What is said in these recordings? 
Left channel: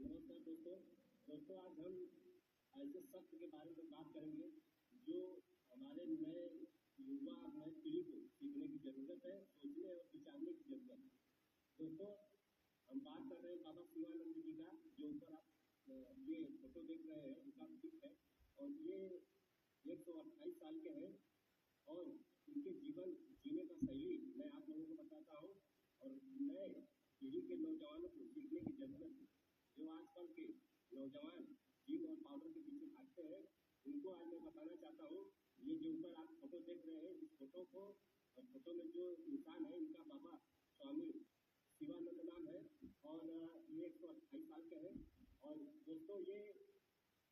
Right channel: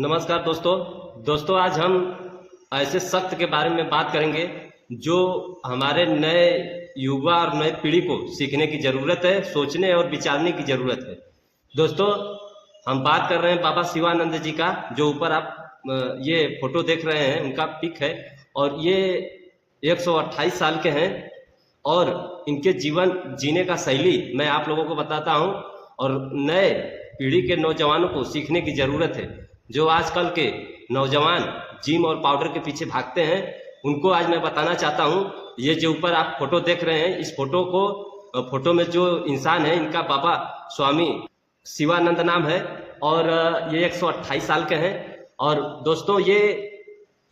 नमस्कार दोस्तों आज हम ऐसे सख्त के बारे में बात करेंगे जो हमारे नए युवा और नए पीढ़ी को सीखने की ज़रूरत है, सोचने और विचारने की ज़रूरत है। दोस्तों हम बात कर रहे हैं बाबा शिवानंद जी का, जो ऊपर आप ये फोटो देख रहे हैं उनका पिक है और ये 128 साल के हैं और इनके जीवन जीने का शैली मैं आप लोगों को बताता हूँ और नए पीढ़ी के नौजवानों को सीखने की ज़रूरत है। जो आजकल के नौजवान जिम और पाउडर के पीछे भागते हैं उनको आज मैं बताना चाहता हूं। ये जो ऊपर आप फोटो देख रहे हैं, इस फोटो में जो इंसान है इनका बाबा स्वामी शिवानंद नाम है और ये 128 साल के हैं। और दोस्तों ये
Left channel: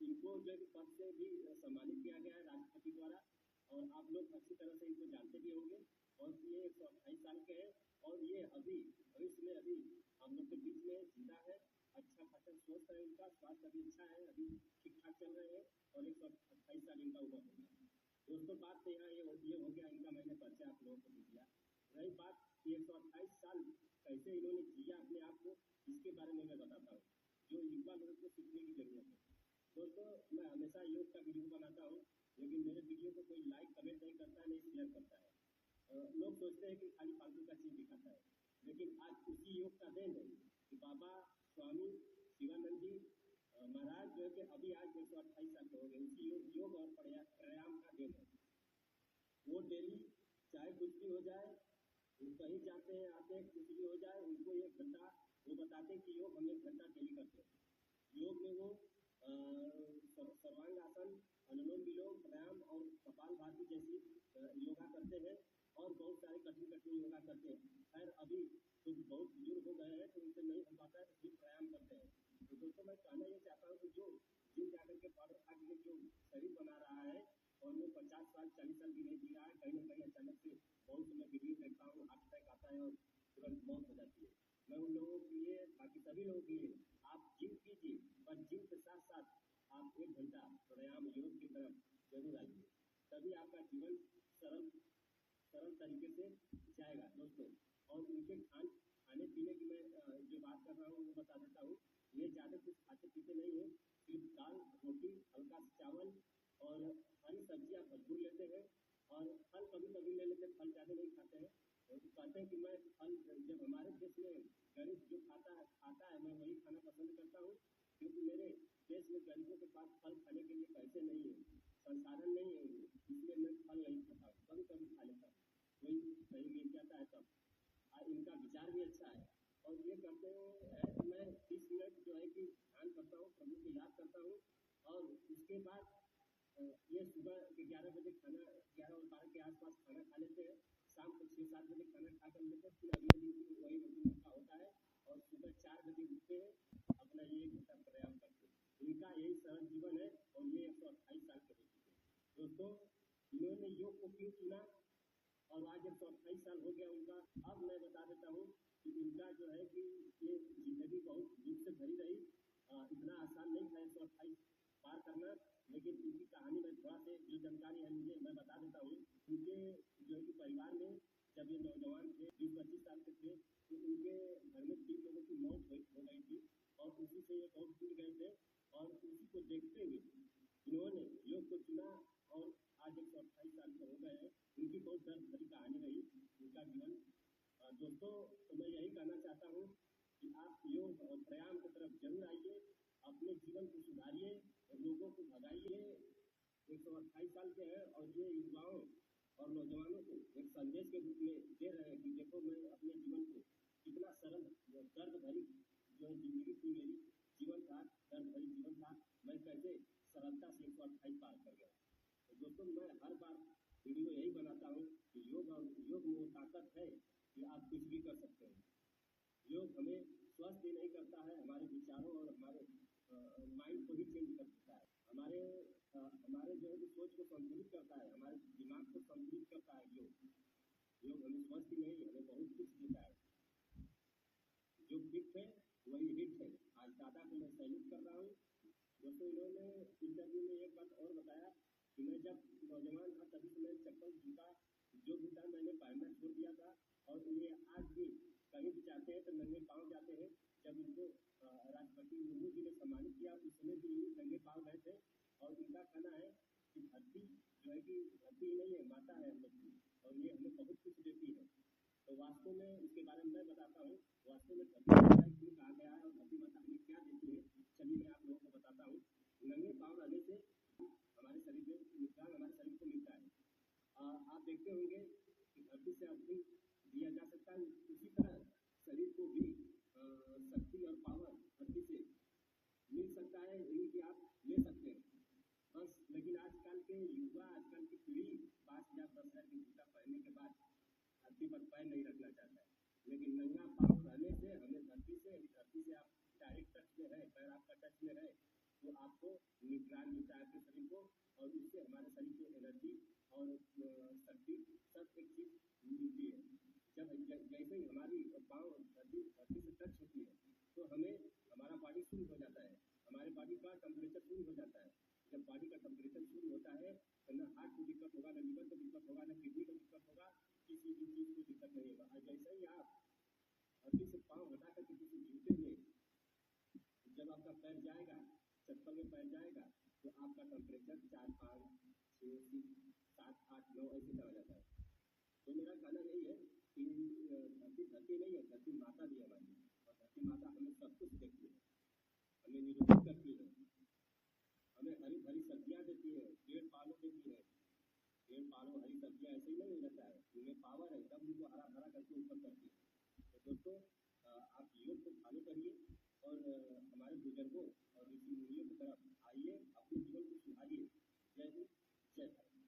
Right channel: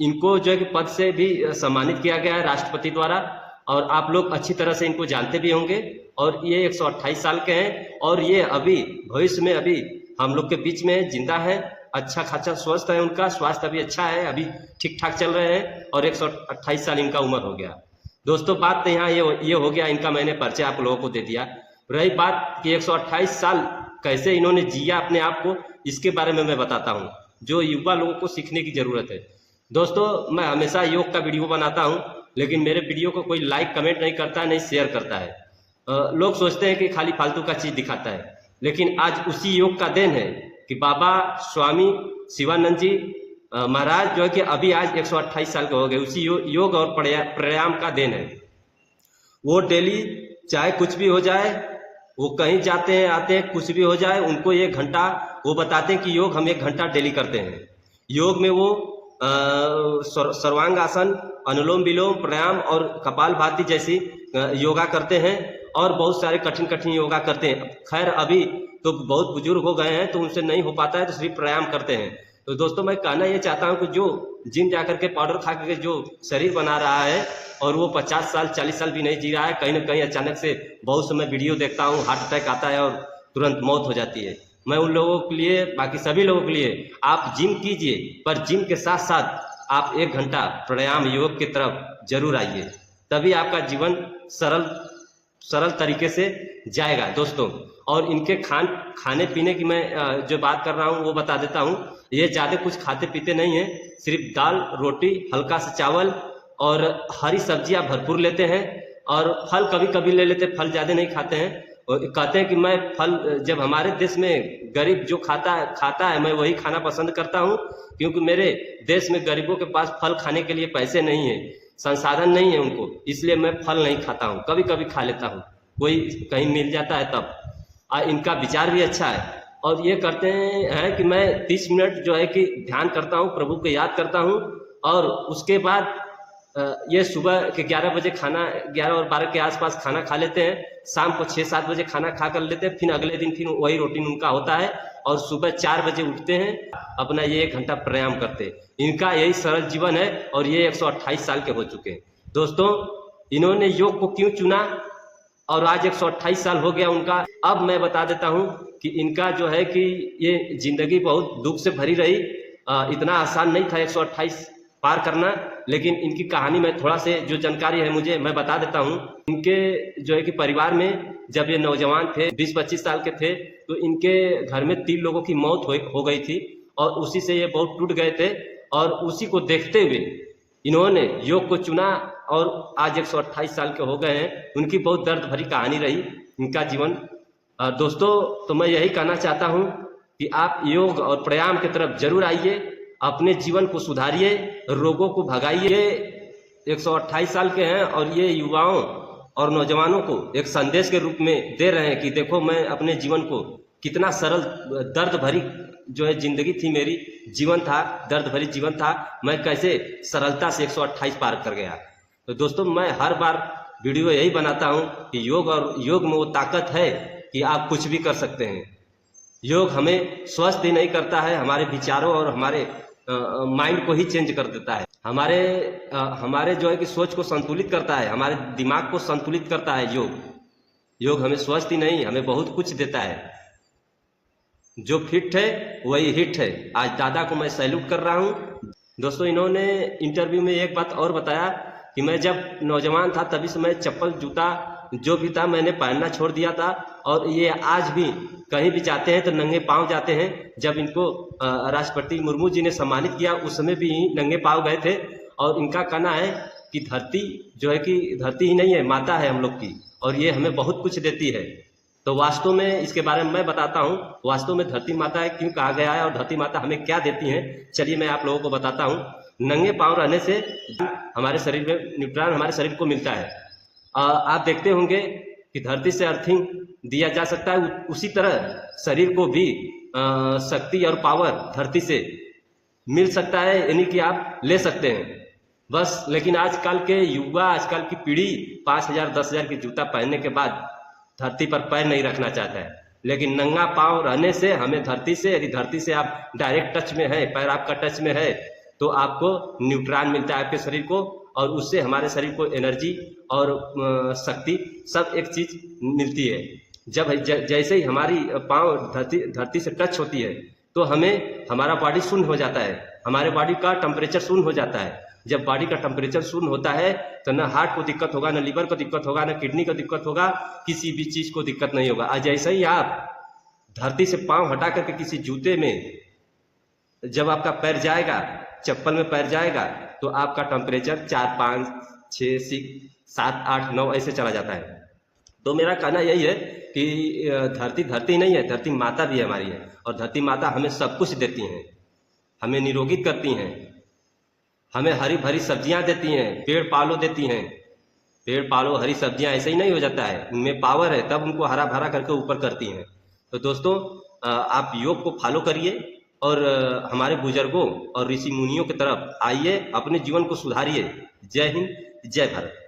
इनको जो है कि पद से भी सम्मानित किया गया है राष्ट्रपति द्वारा और आप लोग अच्छी तरह से इनको जानते भी होंगे। और ये 128 साल के हैं और ये अभी भविष्य में अभी हम लोग के बीच में जिंदा है, अच्छा खासा स्वस्थ है, उनका स्वास्थ्य अभी अच्छा है, अभी ठीक ठाक चल रहे हैं और 128 साल इनका उम्र हो गया। दोस्तों बात तो यहाँ ये हो गया, इनका मैंने परिचय आप लोगों को दे दिया। रही बात कि 128 साल कैसे इन्होंने जिया अपने आप को, इसके बारे में मैं बताता हूँ जो युवा लोगों को सीखने की ज़रूरत है। दोस्तों मैं हमेशा योग का वीडियो बनाता हूँ लेकिन मेरे वीडियो को कोई लाइक कमेंट नहीं करता है, नहीं शेयर करता है। लोग सोचते हैं कि खाली फालतू का चीज़ दिखाता है, लेकिन आज उसी योग का देन है कि बाबा स्वामी शिवानंद जी महाराज जो है कि अभी आज 128 साल के हो गए, उसी योग और प्राणायाम का देन है। वो डेली चाहे कुछ भी हो जाए, वो कहीं जाते हैं आते हैं, कुछ भी हो जाए, उनको 1 घंटा वो बताते हैं कि योग हम 1 घंटा डेली करते हैं। योग में वो सर्वांग आसन, अनुलोम विलोम, प्राणायाम और कपालभाति जैसी योगा करते हैं और बहुत सारे कठिन योगा करते हैं। खैर अभी तो बहुत बुजुर्ग हो गए हैं तो उनसे नहीं हो पाता है तो सिर्फ प्राणायाम करते हैं। तो दोस्तों मैं कहना ये चाहता हूँ कि जो जिम जाकर के पाउडर खा के जो शरीर बना रहा है और वो 50 साल 40 साल भी नहीं जी रहा है, कहीं ना कहीं अचानक से बहुत समय वीडियो देखता हूँ, हार्ट अटैक आता है और तुरंत मौत हो जाती है। मैं उन लोगों के लिए, बाकी सभी लोगों के लिए, आप जिम कीजिए पर जिम के साथ साथ आप 1 घंटा प्राणायाम योग की तरफ जरूर आइए, तभी आपका जीवन सरल तरीके से जाएगा दोस्तों। और इनके खाने पीने की मैं जो बात कर रहा हूँ वो बता देता हूँ। ये ज़्यादा कुछ खाते पीते नहीं हैं, सिर्फ दाल रोटी, हल्का सा चावल और हरी सब्जियाँ भरपूर लेते हैं और फल कभी कभी ले लेते, फल ज़्यादा नहीं खाते हैं। और कहते हैं कि मैं फल, जब हमारे देश में गरीब जो खाता है मैं वही खाना पसंद करता हूँ, क्योंकि मेरे देश में गरीबों के पास फल खाने के लिए पैसे नहीं है, संसाधन नहीं है उनको, इसलिए मैं फल नहीं खाता हूँ। कभी कभी खा लेता हूँ, कोई कहीं मिल जाता है तब। इनका विचार भी अच्छा है और ये करते हैं कि मैं 30 मिनट जो है कि ध्यान करता हूँ, प्रभु को याद करता हूँ और उसके बाद ये सुबह के 11 बजे खाना, 11 और 12 के आसपास खाना खा लेते हैं, शाम को 6-7 बजे खाना खा कर लेते हैं, फिर अगले दिन फिर वही रूटीन उनका होता है और सुबह 4 बजे उठते हैं, अपना ये 1 घंटा प्राणायाम करते हैं। इनका यही सरल जीवन है और ये 128 साल के हो चुके हैं। दोस्तों इन्होंने योग को क्यों चुना और आज 128 साल हो गया उनका, अब मैं बता देता हूं कि इनका जो है कि ये जिंदगी बहुत दुख से भरी रही, इतना आसान नहीं था 128 पार करना, लेकिन इनकी कहानी में थोड़ा से जो जानकारी है मुझे मैं बता देता हूं। इनके जो है कि परिवार में जब ये नौजवान थे, 20-25 साल के थे, तो इनके घर में 3 लोगों की मौत हो गई थी और उसी से ये बहुत टूट गए थे और उसी को देखते हुए इन्होंने योग को चुना और आज 128 साल के हो गए हैं। उनकी बहुत दर्द भरी कहानी रही इनका जीवन। दोस्तों तो मैं यही कहना चाहता हूं कि आप योग और प्राणायाम की तरफ जरूर आइए, अपने जीवन को सुधारिए, रोगों को भगाइए। 128 साल के हैं और ये युवाओं और नौजवानों को एक संदेश के रूप में दे रहे हैं कि देखो मैं अपने जीवन को कितना सरल, दर्द भरी जो है जिंदगी थी मेरी, जीवन था, दर्द भरी जीवन था, मैं कैसे सरलता से 128 पार कर गया। तो दोस्तों मैं हर बार वीडियो यही बनाता हूं कि योग में वो ताकत है कि आप कुछ भी कर सकते हैं। योग हमें स्वस्थ ही नहीं करता है, हमारे विचारों और हमारे माइंड को ही चेंज कर देता है, हमारे जो है कि सोच को संतुलित करता है, हमारे दिमाग को संतुलित करता है। योग हमें स्वस्थ ही नहीं, हमें बहुत कुछ देता है। जो फिट है वही हिट है। आज दादा को मैं सैल्यूट कर रहा हूँ। दोस्तों इन्होंने इंटरव्यू में एक बात और बताया कि मैं जब नौजवान था तभी से मैं चप्पल जूता जो भी था मैंने पहनना छोड़ दिया था, और ये आज भी कहीं भी जाते हैं तो नंगे पांव जाते हैं। जब इनको राष्ट्रपति मुर्मू जी ने सम्मानित किया उस समय भी नंगे पांव गए थे। और इनका कहना है कि धरती जो है कि धरती ही नहीं है, माता है हम लोग की, और ये हमें बहुत कुछ देती है। तो वास्तव में इसके बारे में मैं बताता हूँ, वास्तव में धरती माता है क्यों कहा गया है और धरती माता हमें क्या देती है, चलिए मैं आप लोगों को बताता हूँ। नंगे पांव रहने से हमारे शरीर में न्यूट्रॉन हमारे शरीर को मिलता है। आप देखते होंगे कि धरती से अर्थिंग दिया जा सकता है, उसी तरह शरीर को भी शक्ति और पावर धरती से मिल सकता है, यानी कि आप ले सकते हैं बस। लेकिन आजकल के युवा, आजकल की पीढ़ी 5,000 10,000 की जूता पहनने के बाद धरती पर पैर नहीं रखना चाहता है। लेकिन नंगा पांव रहने से हमें धरती से, यदि धरती से आप डायरेक्ट टच में है, पैर आपका टच में है, तो आपको न्यूट्रॉन मिलता है आपके शरीर को, और उससे हमारे शरीर को एनर्जी और शक्ति सब एक चीज मिलती है। जब जैसे ही हमारी पांव धरती से टच होती है तो हमें हमारा बॉडी शून्य हो जाता है, हमारे बॉडी का टेम्परेचर शून्य हो जाता है। जब बॉडी का टेम्परेचर शून्य होता है तो न हार्ट को दिक्कत होगा, न लीवर को दिक्कत होगा, न किडनी को दिक्कत होगा, किसी भी चीज को दिक्कत नहीं होगा। आज जैसे ही आप धरती से पांव हटा करके किसी जूते में जब आपका पैर जाएगा, चप्पल में पैर जाएगा, तो आपका टेम्परेचर 4 5 6 7 8 9 ऐसे चला जाता है। तो मेरा कहना यही है कि धरती नहीं है, धरती माता भी हमारी है, और धरती माता हमें सब कुछ देती हैं, हमें निरोगित करती हैं, हमें हरी भरी सब्जियां देती हैं, पेड़ पालो देती हैं। पेड़ पालो हरी सब्जियां ऐसे ही नहीं हो जाता है, उनमें पावर है, तब उनको हरा भरा करके ऊपर करती हैं। तो दोस्तों आप योग को फॉलो करिए और हमारे बुजुर्गों और ऋषि मुनियों की तरफ आइए, अपने जीवन को सुधारिए। जय हिंद, जय भारत।